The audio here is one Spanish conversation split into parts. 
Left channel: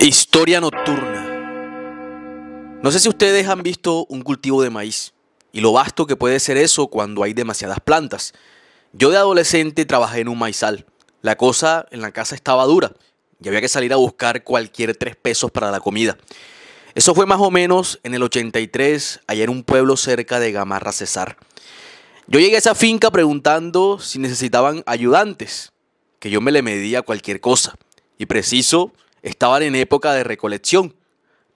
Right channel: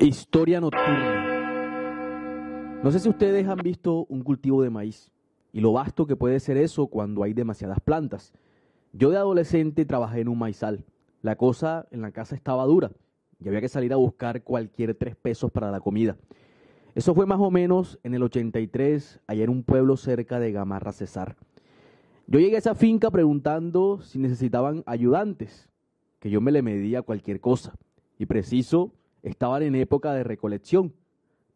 Historia nocturna. No sé si ustedes han visto un cultivo de maíz y lo vasto que puede ser eso cuando hay demasiadas plantas. Yo de adolescente trabajé en un maizal. La cosa en la casa estaba dura y había que salir a buscar cualquier 3 pesos para la comida. Eso fue más o menos en el 83, allá en un pueblo cerca de Gamarra, Cesar. Yo llegué a esa finca preguntando si necesitaban ayudantes, que yo me le medía cualquier cosa. Y preciso, estaban en época de recolección.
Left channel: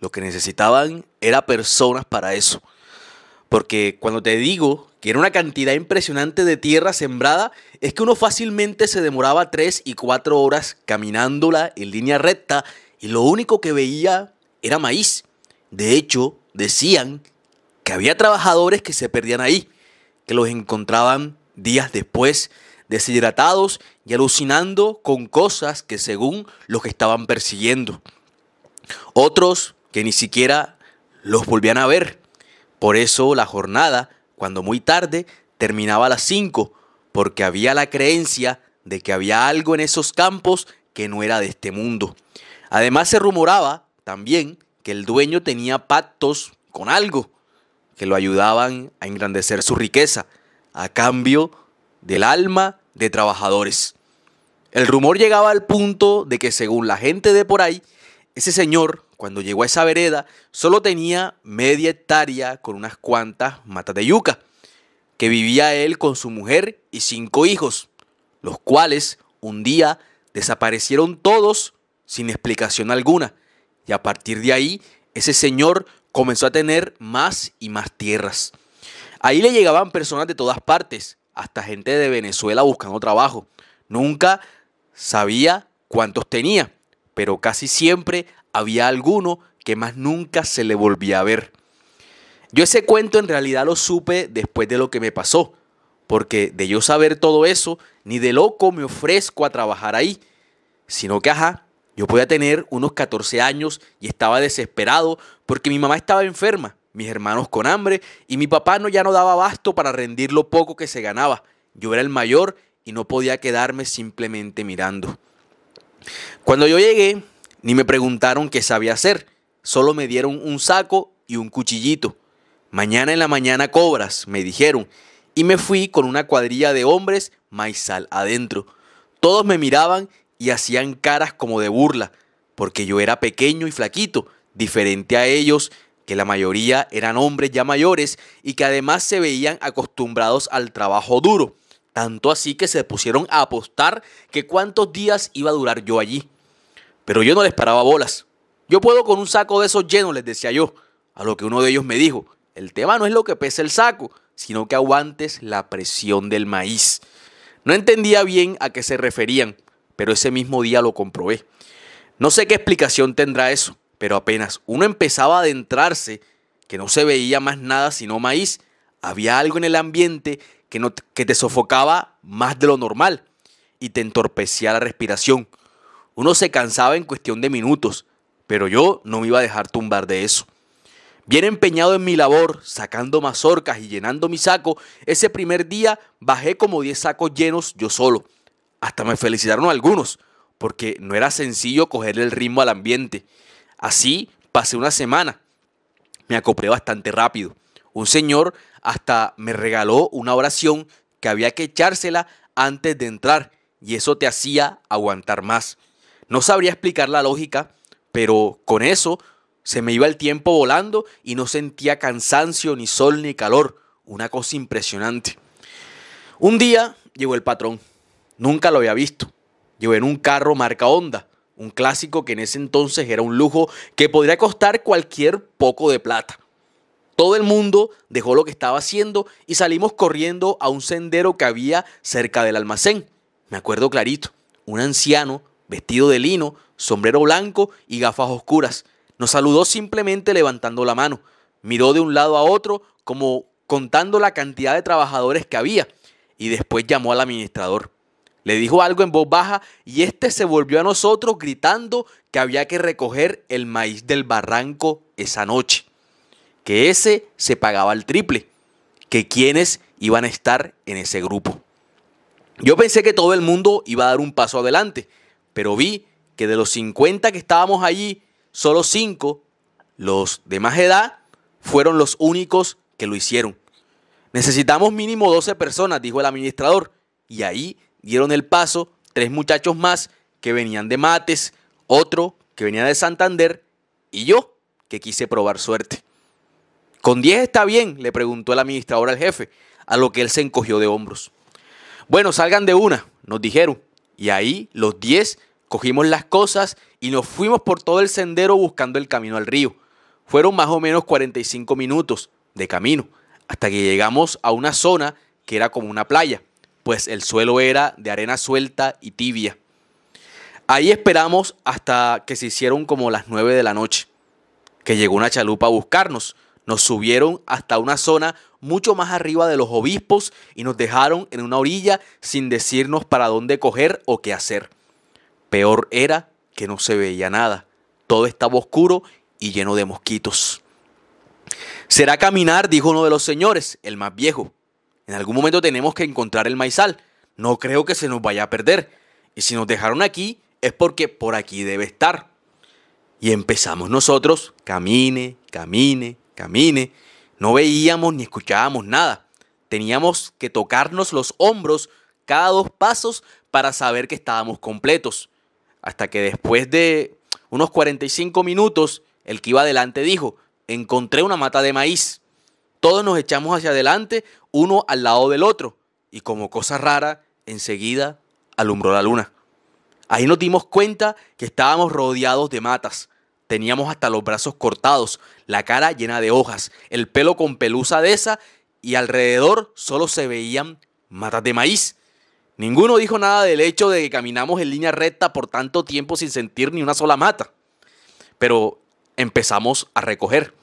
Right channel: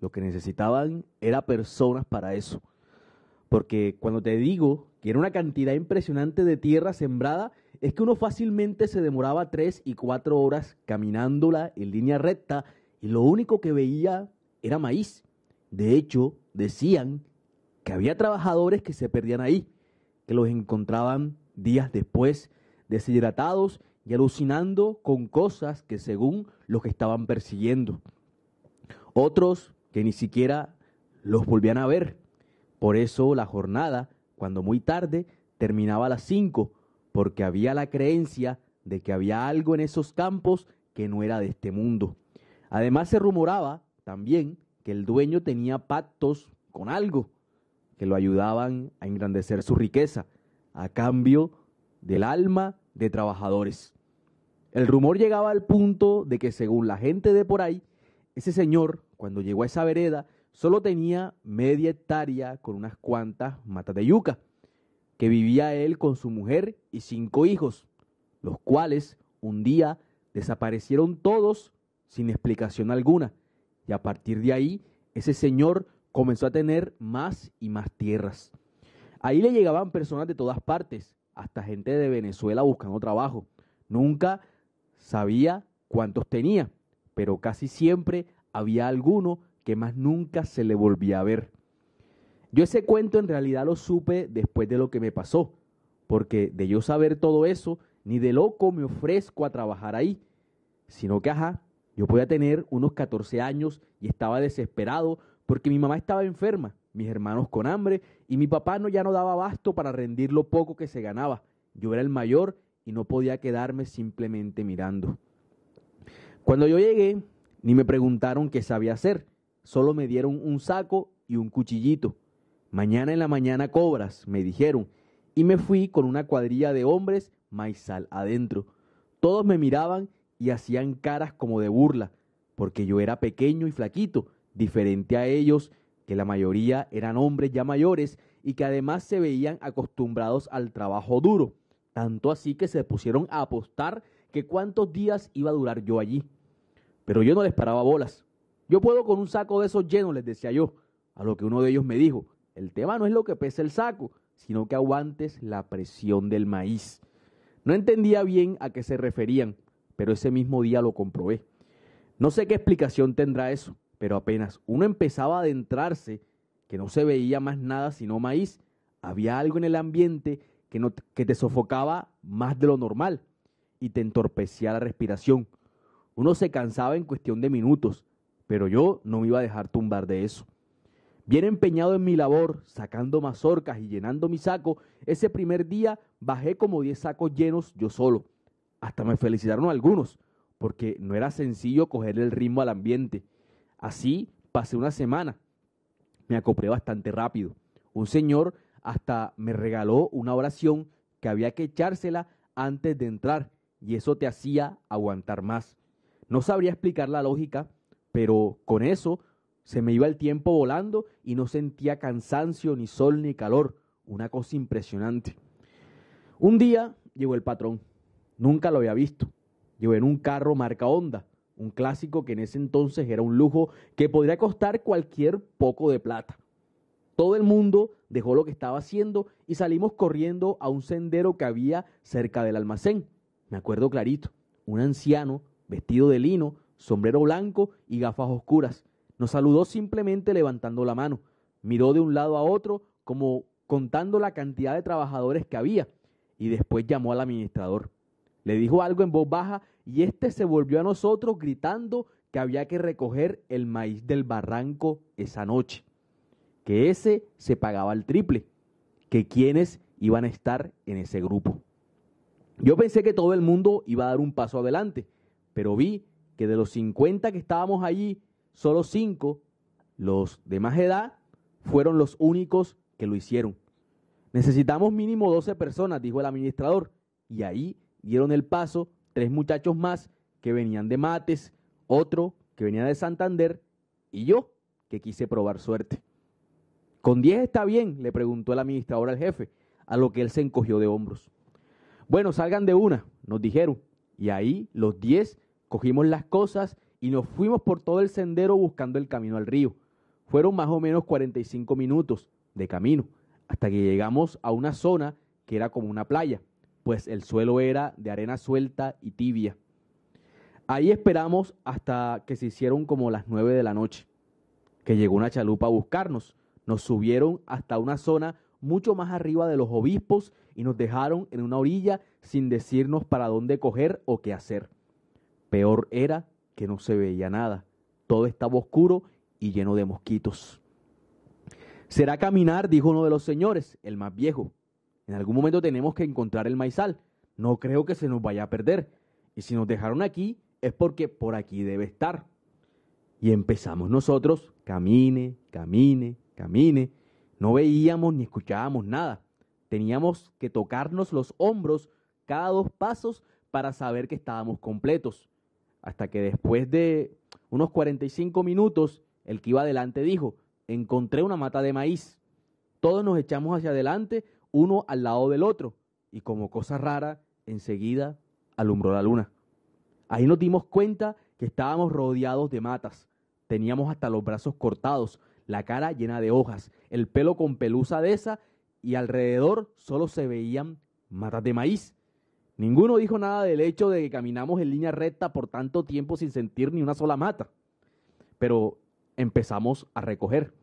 Lo que necesitaban era personas para eso. Porque cuando te digo que era una cantidad impresionante de tierra sembrada, es que uno fácilmente se demoraba 3 y 4 horas caminándola en línea recta y lo único que veía era maíz. De hecho, decían que había trabajadores que se perdían ahí, que los encontraban días después, deshidratados y alucinando con cosas que según los que estaban persiguiendo. Otros que ni siquiera los volvían a ver. Por eso la jornada, cuando muy tarde, terminaba a las 5, porque había la creencia de que había algo en esos campos que no era de este mundo. Además se rumoraba también que el dueño tenía pactos con algo que lo ayudaban a engrandecer su riqueza a cambio del alma de trabajadores. El rumor llegaba al punto de que según la gente de por ahí, ese señor, cuando llegó a esa vereda, solo tenía media hectárea con unas cuantas matas de yuca, que vivía él con su mujer y 5 hijos, los cuales un día desaparecieron todos sin explicación alguna, y a partir de ahí, ese señor comenzó a tener más y más tierras. Ahí le llegaban personas de todas partes, hasta gente de Venezuela buscando trabajo. Nunca sabía cuántos tenía, pero casi siempre había alguno que más nunca se le volvía a ver. Yo ese cuento en realidad lo supe después de lo que me pasó, porque de yo saber todo eso, ni de loco me ofrezco a trabajar ahí, sino que yo podía tener unos 14 años y estaba desesperado porque mi mamá estaba enferma, mis hermanos con hambre y mi papá ya no daba abasto para rendir lo poco que se ganaba. Yo era el mayor y no podía quedarme simplemente mirando. Cuando yo llegué, ni me preguntaron qué sabía hacer, solo me dieron un saco y un cuchillito. Mañana en la mañana cobras, me dijeron, y me fui con una cuadrilla de hombres maizal adentro. Todos me miraban y hacían caras como de burla, porque yo era pequeño y flaquito, diferente a ellos, que la mayoría eran hombres ya mayores y que además se veían acostumbrados al trabajo duro, tanto así que se pusieron a apostar que cuántos días iba a durar yo allí. Pero yo no les paraba bolas. Yo puedo con un saco de esos llenos, les decía yo, a lo que uno de ellos me dijo, el tema no es lo que pesa el saco, sino que aguantes la presión del maíz. No entendía bien a qué se referían, pero ese mismo día lo comprobé. No sé qué explicación tendrá eso, pero apenas uno empezaba a adentrarse, que no se veía más nada sino maíz, había algo en el ambiente que te sofocaba más de lo normal y te entorpecía la respiración. Uno se cansaba en cuestión de minutos, pero yo no me iba a dejar tumbar de eso. Bien empeñado en mi labor, sacando mazorcas y llenando mi saco, ese primer día bajé como 10 sacos llenos yo solo. Hasta me felicitaron algunos, porque no era sencillo cogerle el ritmo al ambiente. Así pasé una semana. Me acoplé bastante rápido. Un señor hasta me regaló una oración que había que echársela antes de entrar, y eso te hacía aguantar más. No sabría explicar la lógica, pero con eso se me iba el tiempo volando y no sentía cansancio, ni sol, ni calor. Una cosa impresionante. Un día llegó el patrón. Nunca lo había visto. Llegó en un carro marca Honda, un clásico que en ese entonces era un lujo que podría costar cualquier poco de plata. Todo el mundo dejó lo que estaba haciendo y salimos corriendo a un sendero que había cerca del almacén. Me acuerdo clarito, un anciano vestido de lino, sombrero blanco y gafas oscuras. Nos saludó simplemente levantando la mano. Miró de un lado a otro como contando la cantidad de trabajadores que había y después llamó al administrador. Le dijo algo en voz baja y este se volvió a nosotros gritando que había que recoger el maíz del barranco esa noche, que ese se pagaba el triple, que quienes iban a estar en ese grupo. Yo pensé que todo el mundo iba a dar un paso adelante, pero vi que de los 50 que estábamos allí, solo 5, los de más edad, fueron los únicos que lo hicieron. Necesitamos mínimo 12 personas, dijo el administrador, y ahí dieron el paso 3 muchachos más que venían de Mates, otro que venía de Santander y yo que quise probar suerte. ¿Con 10 está bien?, le preguntó el administrador al jefe, a lo que él se encogió de hombros. Bueno, salgan de una, nos dijeron, y ahí los 10 cogimos las cosas y nos fuimos por todo el sendero buscando el camino al río. Fueron más o menos 45 minutos de camino, hasta que llegamos a una zona que era como una playa, pues el suelo era de arena suelta y tibia. Ahí esperamos hasta que se hicieron como las 9 de la noche, que llegó una chalupa a buscarnos. Nos subieron hasta una zona mucho más arriba de los obispos y nos dejaron en una orilla sin decirnos para dónde coger o qué hacer. Peor era que no se veía nada. Todo estaba oscuro y lleno de mosquitos. «Será caminar», dijo uno de los señores, el más viejo. «En algún momento tenemos que encontrar el maizal. No creo que se nos vaya a perder. Y si nos dejaron aquí es porque por aquí debe estar». Y empezamos nosotros, camine, camine, camine. No veíamos ni escuchábamos nada. Teníamos que tocarnos los hombros cada 2 pasos para saber que estábamos completos. Hasta que después de unos 45 minutos, el que iba adelante dijo: «Encontré una mata de maíz». Todos nos echamos hacia adelante, uno al lado del otro. Y como cosa rara, enseguida alumbró la luna. Ahí nos dimos cuenta que estábamos rodeados de matas. Teníamos hasta los brazos cortados, la cara llena de hojas, el pelo con pelusa de esa y alrededor solo se veían matas de maíz. Ninguno dijo nada del hecho de que caminamos en línea recta por tanto tiempo sin sentir ni una sola mata. Pero empezamos a recoger.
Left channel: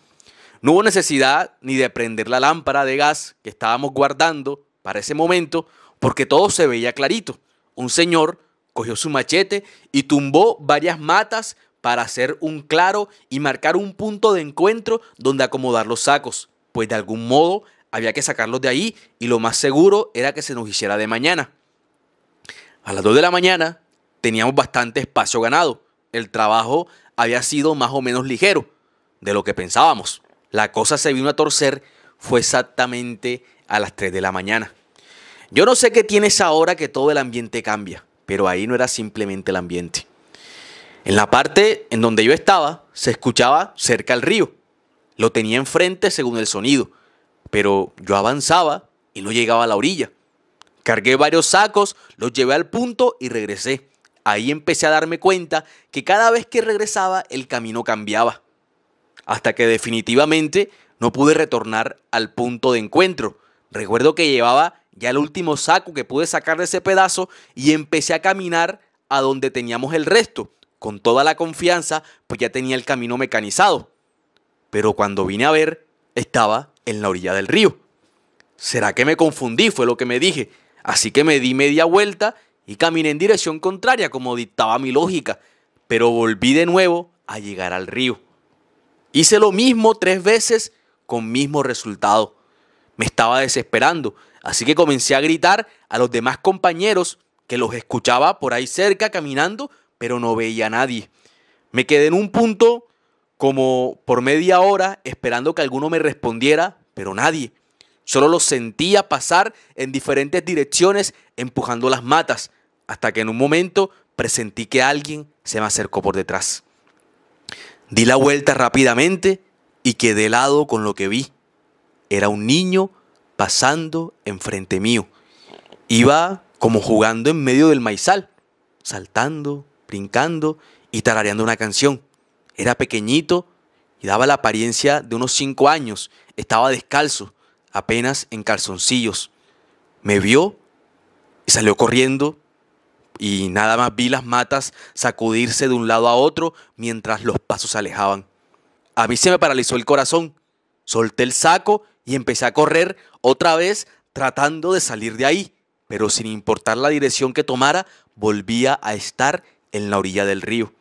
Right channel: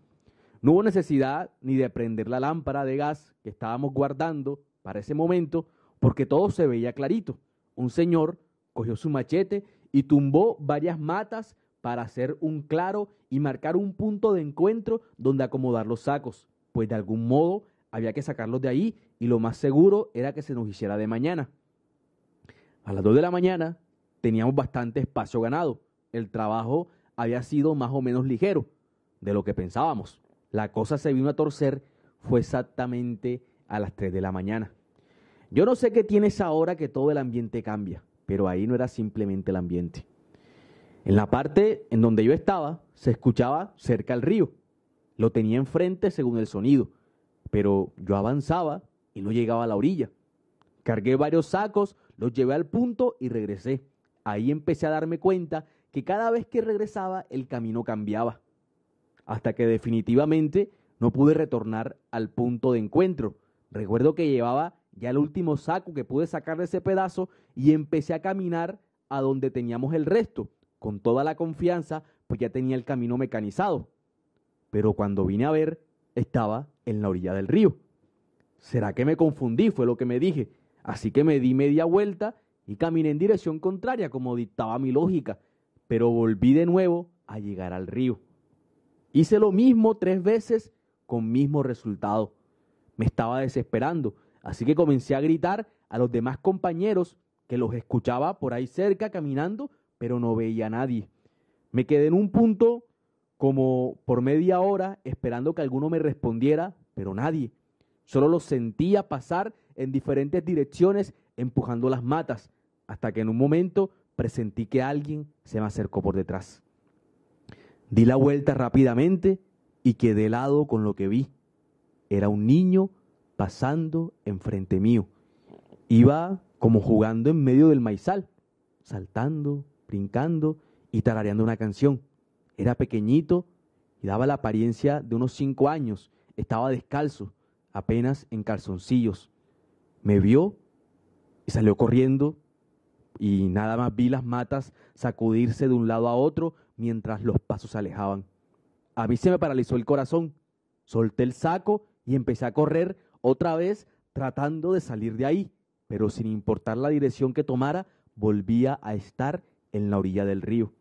No hubo necesidad ni de prender la lámpara de gas que estábamos guardando para ese momento porque todo se veía clarito. Un señor cogió su machete y tumbó varias matas para hacer un claro y marcar un punto de encuentro donde acomodar los sacos, pues de algún modo había que sacarlos de ahí y lo más seguro era que se nos hiciera de mañana. A las 2 de la mañana teníamos bastante espacio ganado. El trabajo había sido más o menos ligero de lo que pensábamos. La cosa se vino a torcer, fue exactamente a las 3 de la mañana. Yo no sé qué tiene esa hora que todo el ambiente cambia, pero ahí no era simplemente el ambiente. En la parte en donde yo estaba, se escuchaba cerca el río. Lo tenía enfrente según el sonido, pero yo avanzaba y no llegaba a la orilla. Cargué varios sacos, los llevé al punto y regresé. Ahí empecé a darme cuenta que cada vez que regresaba el camino cambiaba. Hasta que definitivamente no pude retornar al punto de encuentro. Recuerdo que llevaba ya el último saco que pude sacar de ese pedazo y empecé a caminar a donde teníamos el resto. Con toda la confianza, pues ya tenía el camino mecanizado. Pero cuando vine a ver, estaba en la orilla del río. ¿Será que me confundí?, fue lo que me dije. Así que me di media vuelta y caminé en dirección contraria, como dictaba mi lógica. Pero volví de nuevo a llegar al río. Hice lo mismo 3 veces con mismo resultado. Me estaba desesperando, así que comencé a gritar a los demás compañeros que los escuchaba por ahí cerca caminando, pero no veía a nadie. Me quedé en un punto como por media hora esperando que alguno me respondiera, pero nadie. Solo los sentía pasar en diferentes direcciones empujando las matas, hasta que en un momento presentí que alguien se me acercó por detrás. Di la vuelta rápidamente y quedé helado con lo que vi. Era un niño pasando enfrente mío. Iba como jugando en medio del maizal, saltando, brincando y tarareando una canción. Era pequeñito y daba la apariencia de unos 5 años. Estaba descalzo, apenas en calzoncillos. Me vio y salió corriendo y nada más vi las matas sacudirse de un lado a otro mientras los pasos se alejaban. A mí se me paralizó el corazón. Solté el saco y empecé a correr otra vez tratando de salir de ahí, pero sin importar la dirección que tomara, volvía a estar en la orilla del río.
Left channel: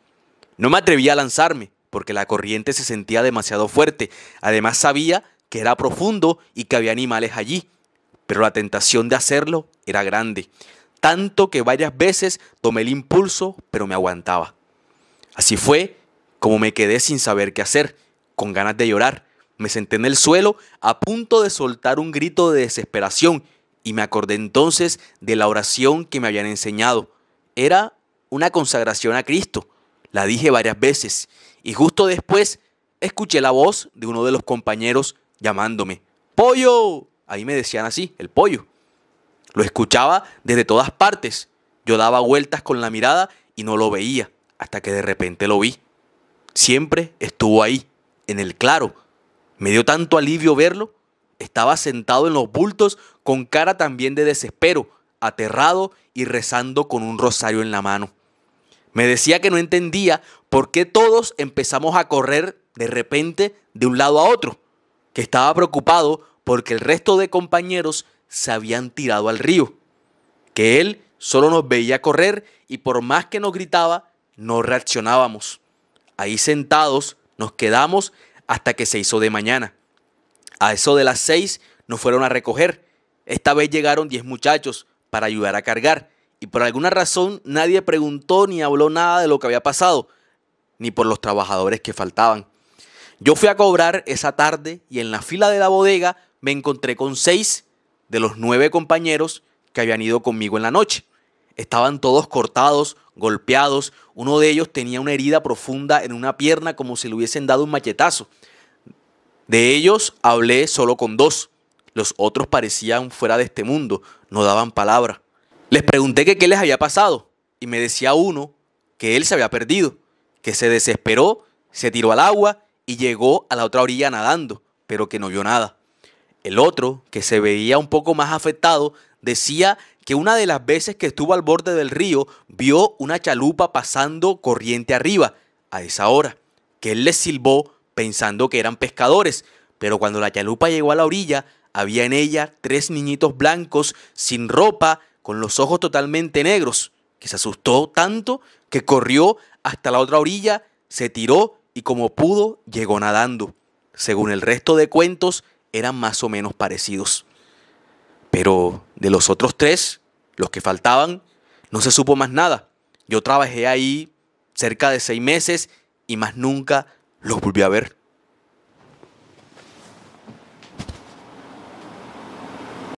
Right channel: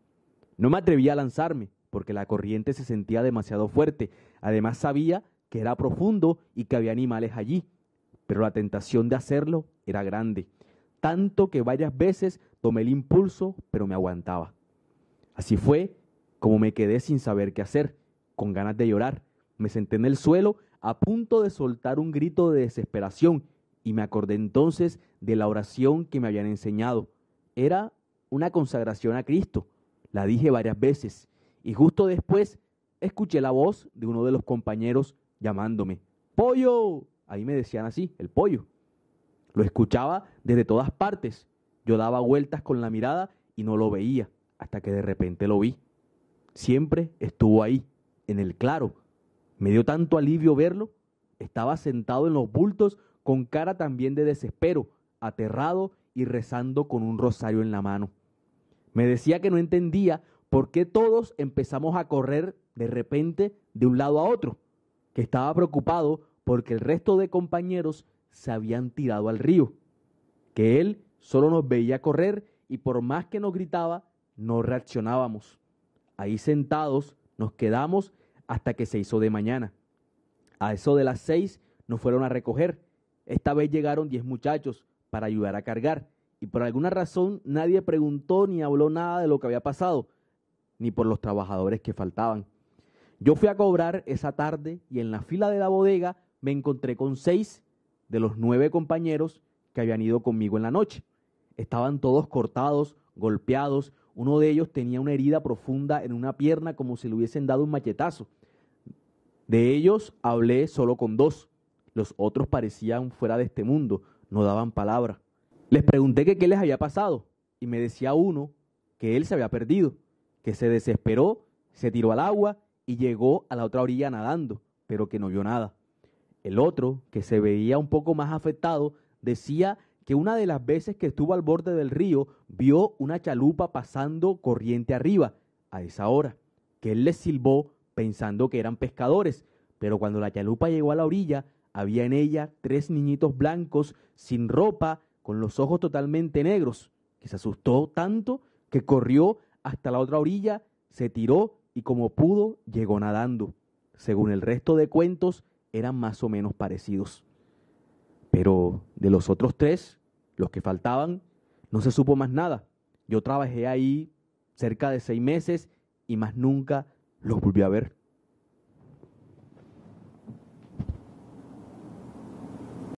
No me atrevía a lanzarme porque la corriente se sentía demasiado fuerte. Además sabía que era profundo y que había animales allí, pero la tentación de hacerlo era grande, tanto que varias veces tomé el impulso, pero me aguantaba. Así fue Como me quedé sin saber qué hacer, con ganas de llorar, me senté en el suelo a punto de soltar un grito de desesperación y me acordé entonces de la oración que me habían enseñado. Era una consagración a Cristo. La dije varias veces y justo después escuché la voz de uno de los compañeros llamándome. ¡Pollo! Ahí me decían así, el pollo. Lo escuchaba desde todas partes. Yo daba vueltas con la mirada y no lo veía, hasta que de repente lo vi. Siempre estuvo ahí, en el claro. Me dio tanto alivio verlo. Estaba sentado en los bultos con cara también de desespero, aterrado y rezando con un rosario en la mano. Me decía que no entendía por qué todos empezamos a correr de repente de un lado a otro, que estaba preocupado porque el resto de compañeros se habían tirado al río, que él solo nos veía correr y por más que nos gritaba, no reaccionábamos. Ahí sentados nos quedamos hasta que se hizo de mañana. A eso de las 6 nos fueron a recoger. Esta vez llegaron 10 muchachos para ayudar a cargar y por alguna razón nadie preguntó ni habló nada de lo que había pasado, ni por los trabajadores que faltaban. Yo fui a cobrar esa tarde y en la fila de la bodega me encontré con 6 de los 9 compañeros que habían ido conmigo en la noche. Estaban todos cortados, golpeados. Uno de ellos tenía una herida profunda en una pierna como si le hubiesen dado un machetazo. De ellos hablé solo con 2. Los otros parecían fuera de este mundo, no daban palabra. Les pregunté que qué les había pasado y me decía uno que él se había perdido, que se desesperó, se tiró al agua y llegó a la otra orilla nadando, pero que no vio nada. El otro, que se veía un poco más afectado, decía que una de las veces que estuvo al borde del río vio una chalupa pasando corriente arriba a esa hora, que él les silbó pensando que eran pescadores, pero cuando la chalupa llegó a la orilla, había en ella 3 niñitos blancos sin ropa, con los ojos totalmente negros, que se asustó tanto que corrió hasta la otra orilla, se tiró y como pudo llegó nadando. Según el resto de cuentos, eran más o menos parecidos. Pero de los otros 3, los que faltaban, no se supo más nada. Yo trabajé ahí cerca de 6 meses y más nunca los volví a ver.